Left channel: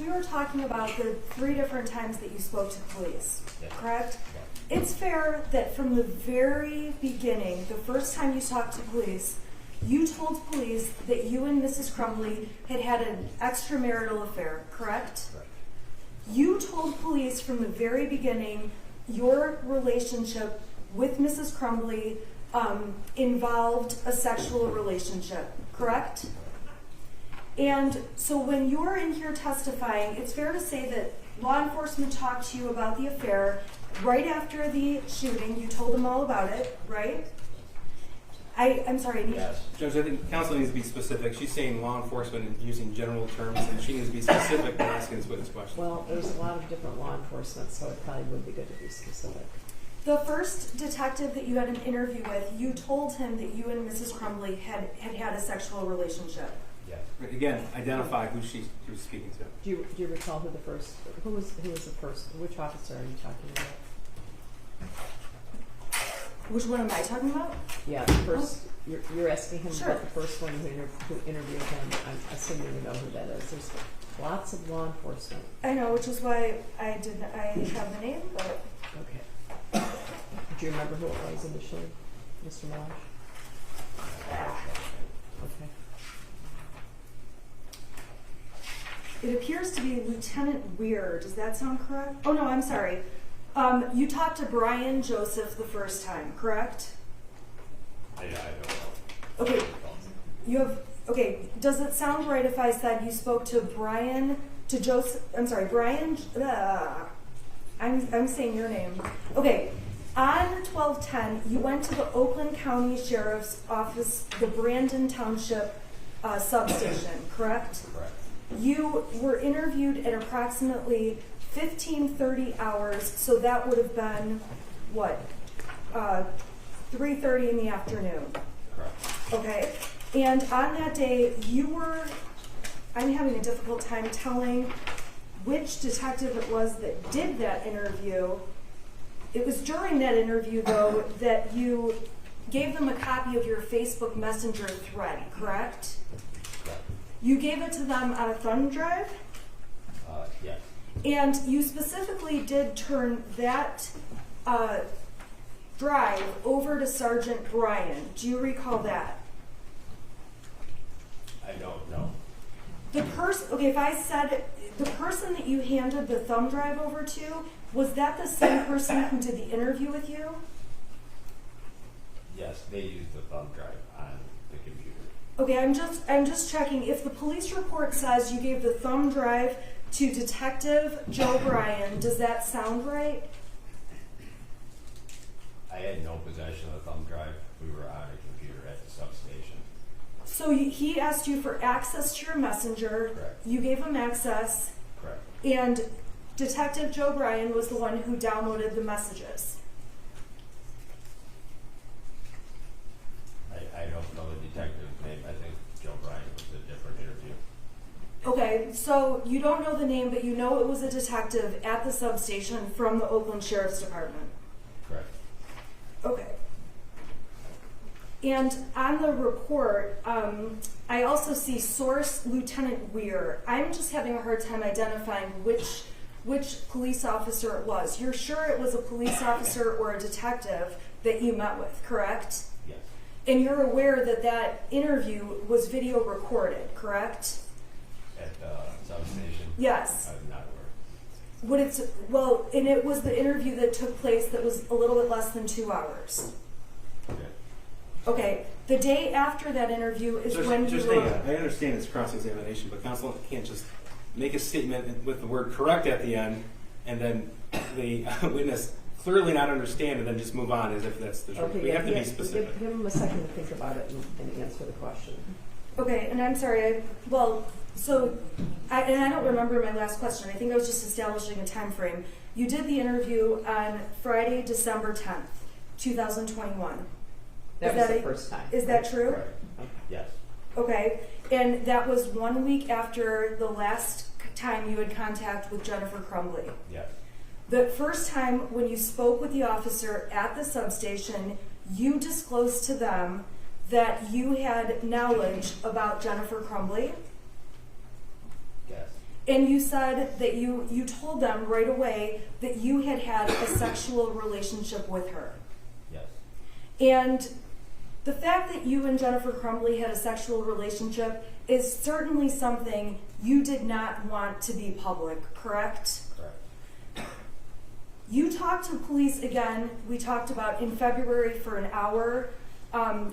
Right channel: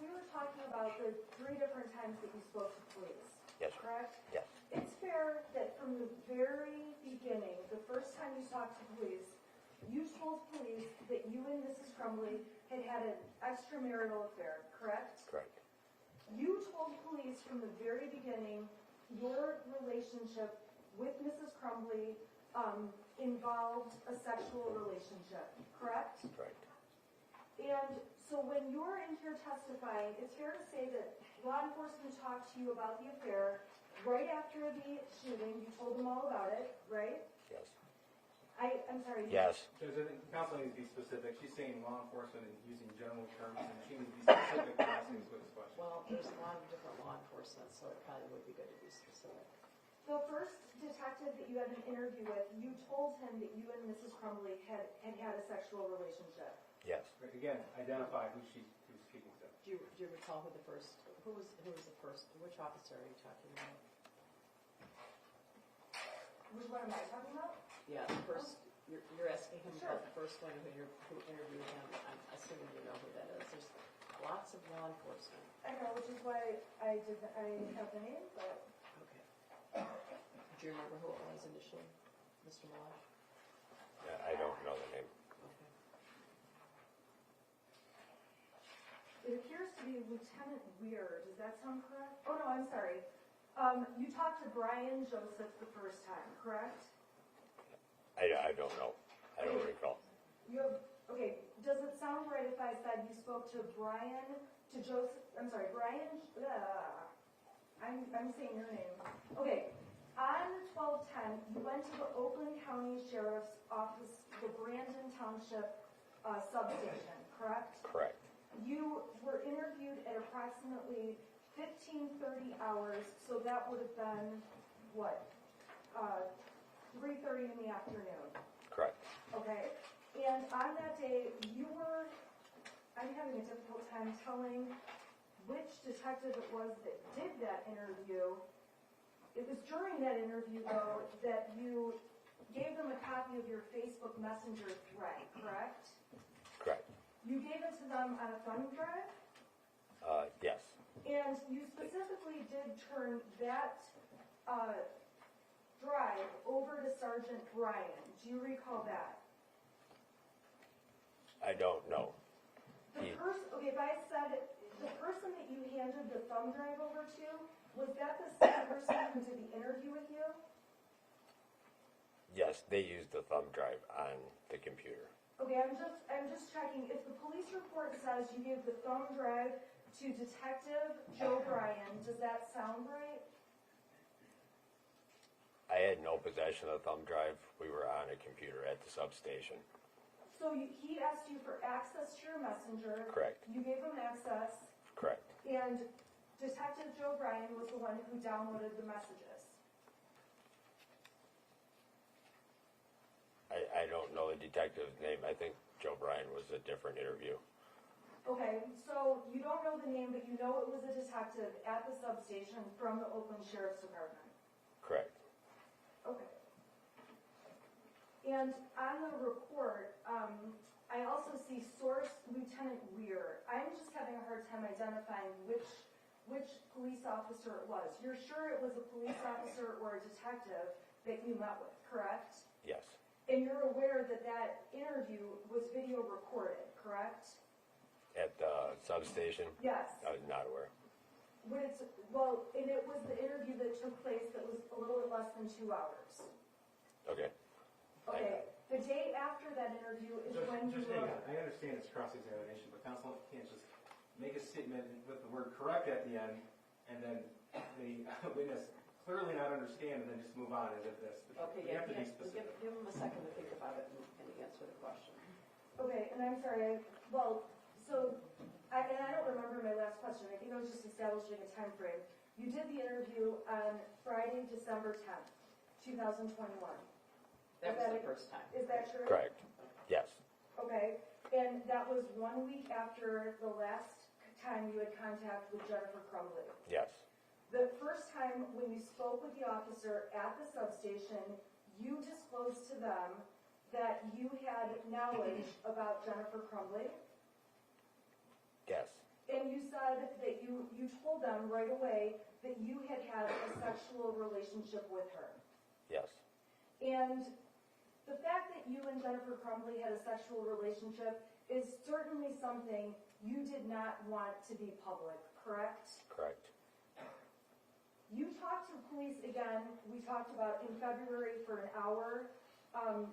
we were talking about the 3 different times that you spoke to police, correct? Yeah. It's fair that from the very beginning, the first time you talked to police, you told police that you and Mrs. Crumbley had had an extramarital affair, correct? Correct. You told police from the very beginning your relationship with Mrs. Crumbley involved a sexual relationship, correct? And so when you're in here testifying, it's fair to say that law enforcement talked to you about the affair right after the shooting. You told them all about it, right? I'm sorry. Yes. Judge, I think counsel needs to be specific. She's saying law enforcement and using general terms, and she needs to be specific when asking this witness question. Well, there's a lot of different law enforcement, so it probably would be good to be specific. The first detective that you had an interview with, you told him that you and Mrs. Crumbley had a sexual relationship. Yes. Right, again, identify who she was speaking to. Do you recall who was the first, which officer are you talking about? Which one am I talking about? Yeah, the first, you're asking him Sure. about the first one who interviewed him. I'm assuming you know who that is. There's lots of law enforcement. I know, which is why I have the name, but Okay. Do you remember who it was initially, Mr. Meloche? Okay. it appears to be Lieutenant Weir. Does that sound correct? Oh no, I'm sorry. You talked to Brian Joseph the first time, correct? I don't know. Okay. Okay, does it sound right if I said you spoke to Brian, I'm saying your name. Okay, on 12/10, you went to the Oakland County Sheriff's Office, the Brandon Township substation, correct? Correct. You were interviewed at approximately 15:30 hours, so that would have been, what, 3:30 in the afternoon. Correct. Okay, and on that day, I'm having a difficult time telling which detective it was that did that interview. It was during that interview, though, that you gave them a copy of your Facebook Messenger thread, correct? Correct. You gave it to them on a thumb drive? Yes. And you specifically did turn that drive over to Sergeant Brian. Do you recall that? I don't know. If I said the person that you handed the thumb drive over to, was that the same person who did the interview with you? Yes, they used the thumb drive on the computer. Okay, I'm just checking. If the police report says you gave the thumb drive to Detective Joe Bryan, does that sound right? I had no possession of the thumb drive. We were on a computer at the substation. So he asked you for access to your messenger. Correct. You gave him access. Correct. And Detective Joe Bryan was the one who downloaded the messages. I don't know the detective's name. I think Joe Bryan was a different interview. Okay, so you don't know the name, but you know it was a detective at the substation from the Oakland Sheriff's Department. Correct. Okay. And on the report, I also see source Lieutenant Weir. I'm just having a hard time identifying which police officer it was. You're sure it was a police officer or a detective that you met with, correct? Yes. And you're aware that that interview was video recorded, correct? At the substation? Yes. I was not aware. And it was the interview that took place that was a little bit less than 2 hours. Okay. Okay, the day after that interview is when you were... I understand it's cross-examination, but counsel can't just make a statement with the word correct at the end and then the witness clearly not understand and then just move on as if that's the truth. Okay, We have to be specific. Give him a second to think about it and answer the question. Okay, and I'm sorry, I don't remember my last question. I think I was just establishing a time frame. You did the interview on Friday, December 10th, 2021. That was the first time. Is that true? Correct. Yes. Okay, and that was 1 week after the last time you had contact with Jennifer Crumbley. Yes. The first time when you spoke with the officer at the substation, you disclosed to them that you had knowledge about Jennifer Crumbley. Yes. And you said that you told them right away that you had a sexual relationship with her. Yes. And the fact that you and Jennifer Crumbley had a sexual relationship is certainly something you did not want to be public, correct? Correct. You talked to police again, we talked about in February for an hour.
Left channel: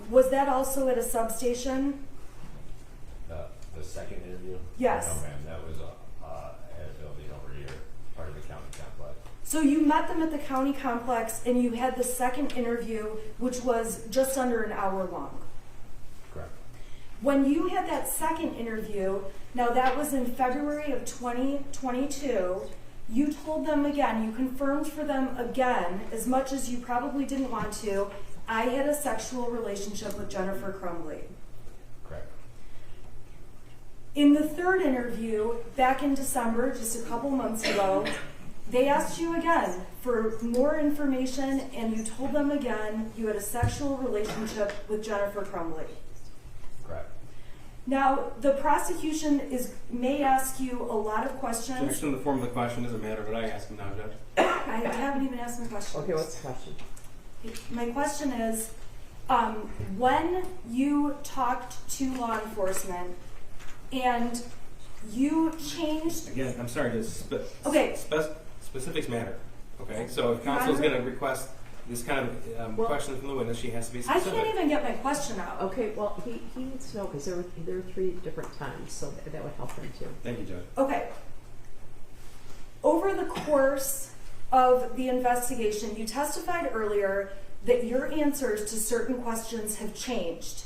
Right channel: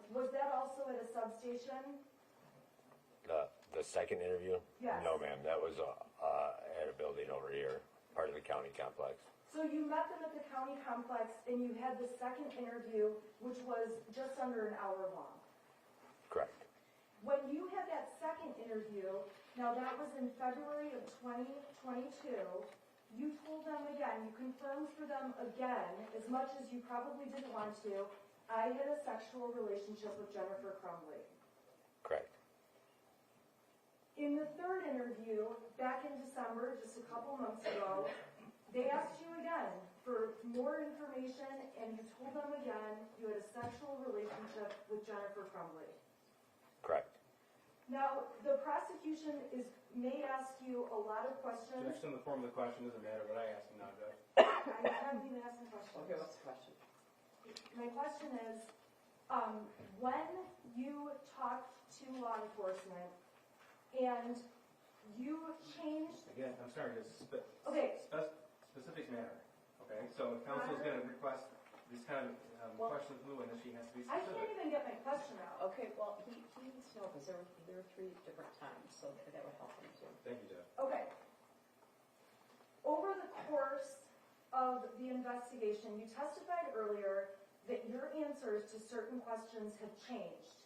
Was that also at a substation? The second interview? Yes. No, ma'am. That was at a building over here, part of the county complex. So you met them at the county complex and you had the second interview, which was just under an hour long. Correct. When you had that second interview, now that was in February of 2022, you told them again, you confirmed for them again, as much as you probably didn't want to, I had a sexual relationship with Jennifer Crumbley. Correct. In the third interview, back in December, just a couple months ago, they asked you again for more information and you told them again you had a sexual relationship with Jennifer Crumbley. Correct. Now, the prosecution may ask you a lot of questions. Objection in the form of the question doesn't matter, but I ask him now, Judge. I haven't even asked my question. Okay, what's the question? My question is, when you talked to law enforcement and you changed... Again, I'm sorry, just Okay. specifics matter. Okay, so if counsel is going to request this kind of question from the witness, she has to be I specific. can't even get my question out. Okay, well, he needs to know because there were 3 different times, so that would help him too. Thank you, Judge. Okay. Over the course of the investigation, you testified earlier that your answers to certain questions have changed.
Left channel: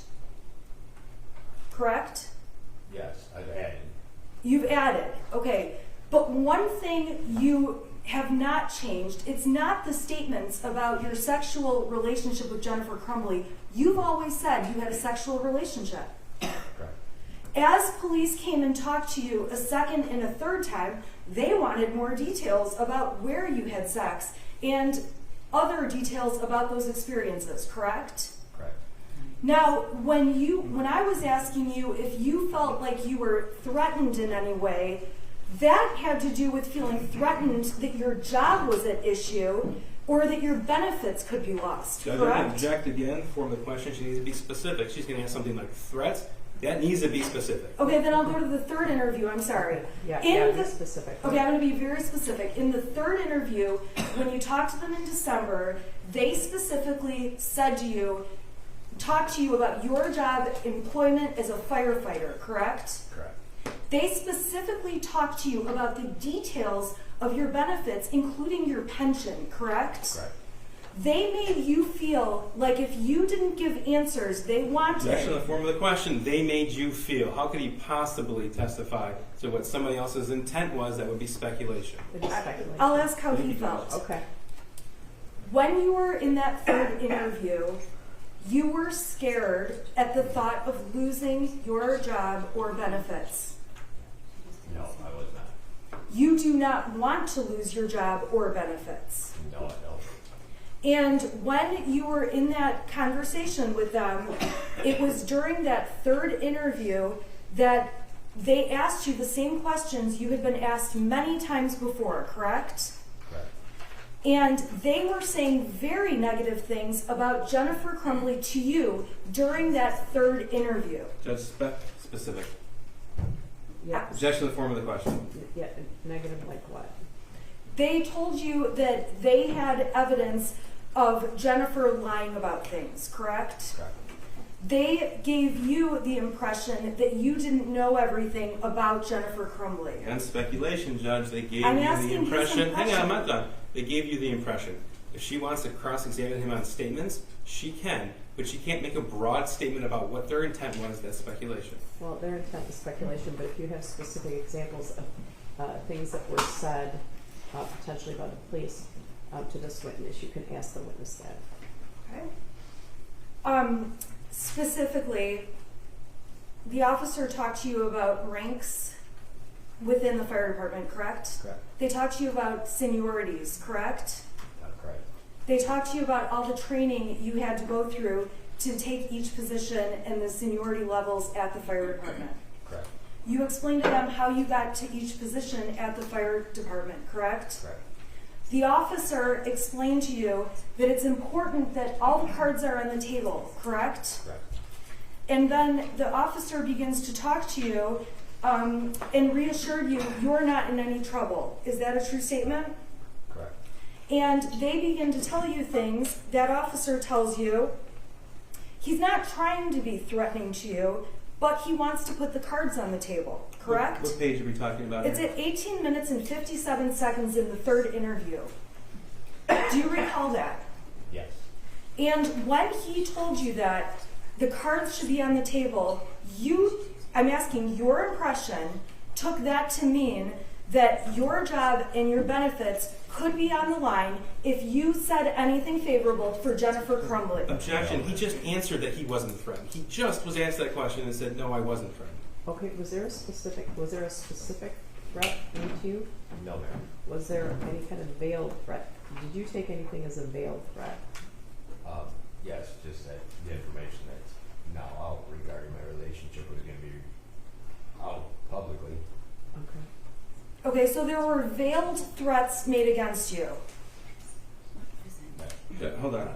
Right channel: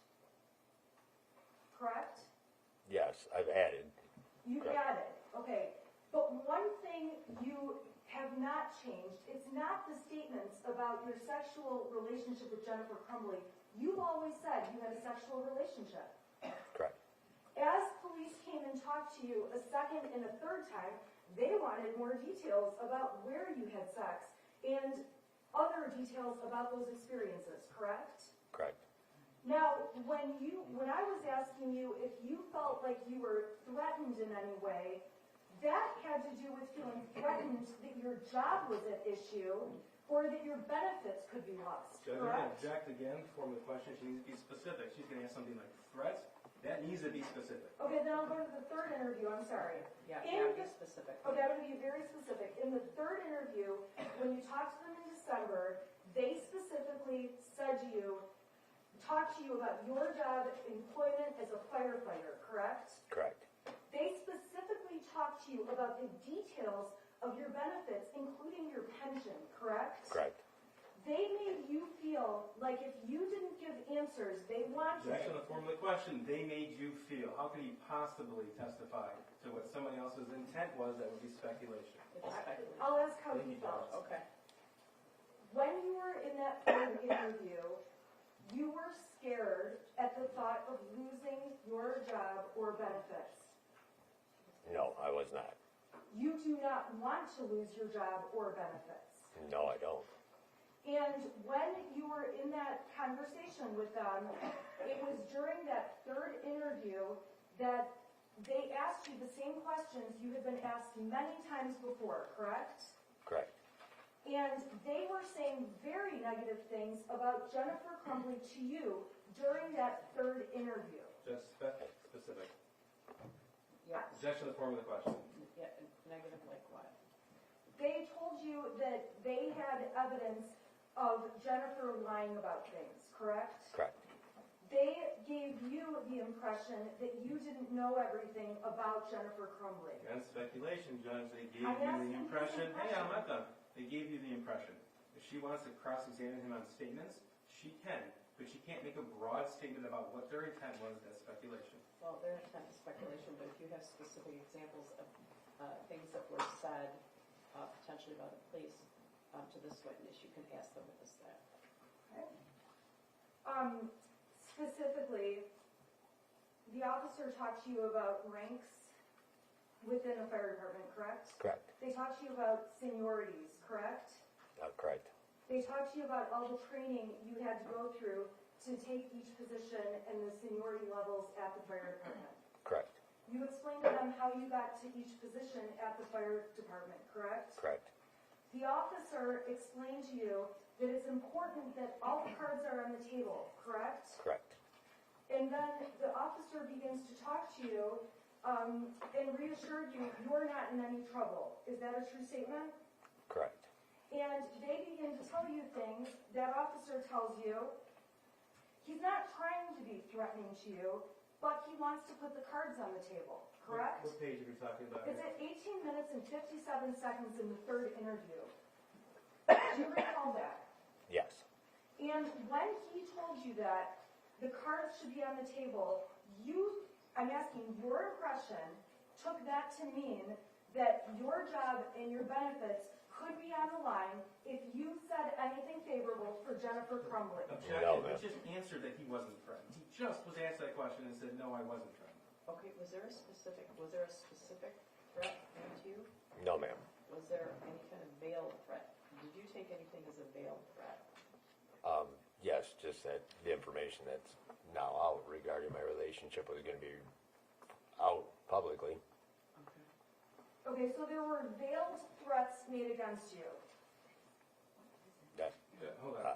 Correct? Yes, I've added. You've added, okay. But one thing you have not changed, it's not the statements about your sexual relationship with Jennifer Crumbley. You've always said you had a sexual relationship. Correct. As police came and talked to you a second and a third time, they wanted more details about where you had sex and other details about those experiences, correct? Correct. Now, when I was asking you if you felt like you were threatened in any way, that had to do with feeling threatened that your job was at issue or that your benefits could be lost, Judge, correct? I can object again. Form of the question, she needs to be specific. She's going to ask something like threats. That needs to be specific. Okay, then I'll go to the third interview, I'm sorry. Yeah, In be the- specific. Okay, I'm going to be very specific. In the third interview, when you talked to them in December, they specifically said to you, talked to you about your job, employment as a firefighter, correct? Correct. They specifically talked to you about the details of your benefits, including your pension, correct? Correct. They made you feel like if you didn't give answers they wanted. Objection in the form of the question, they made you feel. How could he possibly testify to what somebody else's intent was? That would be speculation. It is speculation. I'll ask how he felt. Okay. When you were in that third interview, you were scared at the thought of losing your job or benefits. No, I was not. You do not want to lose your job or benefits. No, I don't. And when you were in that conversation with them, it was during that third interview that they asked you the same questions you had been asked many times before, correct? Correct. And they were saying very negative things about Jennifer Crumbley to you during that third interview. Judge, specific. Yeah. Objection in the form of the question. Yeah. Negative like what? They told you that they had evidence of Jennifer lying about things, correct? Correct. They gave you the impression that you didn't know everything about Jennifer Crumbley. And speculation, Judge. They gave I'm you asking the his impression. Hang on, I'm impression. not done. They gave you the impression. If she wants to cross-examine him on statements, she can, but she can't make a broad statement about what their intent was. That's speculation. Well, their intent is speculation, but if you have specific examples of things that were said potentially by the police to this witness, you can ask the witness that. Okay. Specifically, the officer talked to you about ranks within the fire department, correct? Correct. They talked to you about seniorities, correct? Correct. They talked to you about all the training you had to go through to take each position and the seniority levels at the fire department. Correct. You explained to them how you got to each position at the fire department, correct? Correct. The officer explained to you that it's important that all the cards are on the table, correct? Correct. And then the officer begins to talk to you and reassured you you're not in any trouble. Is that a true statement? Correct. And they begin to tell you things. That officer tells you he's not trying to be threatening to you, but he wants to put the cards on the table, correct? What page are we talking about It's here? at 18 minutes and 57 seconds in the third interview. Do you recall that? Yes. And when he told you that the cards should be on the table, I'm asking your impression, took that to mean that your job and your benefits could be on the line if you said anything favorable for Jennifer Crumbley. Objection. He just answered that he wasn't threatened. He just was asked that question and said, no, I wasn't threatened. Okay, was there a specific threat made to you? No, ma'am. Was there any kind of veiled threat? Did you take anything as a veiled threat? Yes, just that the information that's now out regarding my relationship was going to be out publicly. Okay. Okay, so there were veiled threats made against you. That, Yeah, hold on.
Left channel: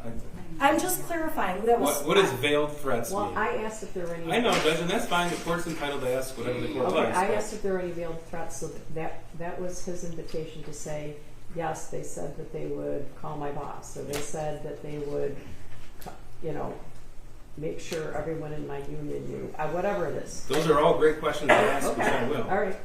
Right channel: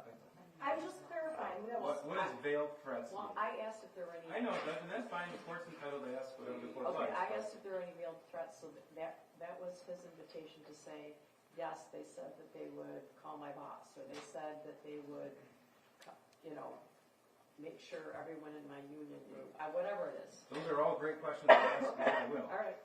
I'm just clarifying. That was What does veiled threats Well, mean? I asked if there were any. I know, Judge, and that's fine. The court's entitled to ask whatever the court Okay, likes. I but- asked if there were any veiled threats, so that was his invitation to say, yes, they said that they would call my boss, or they said that they would, make sure everyone in my union knew, whatever it is. Those are all great questions to ask, which I Okay, will. all right.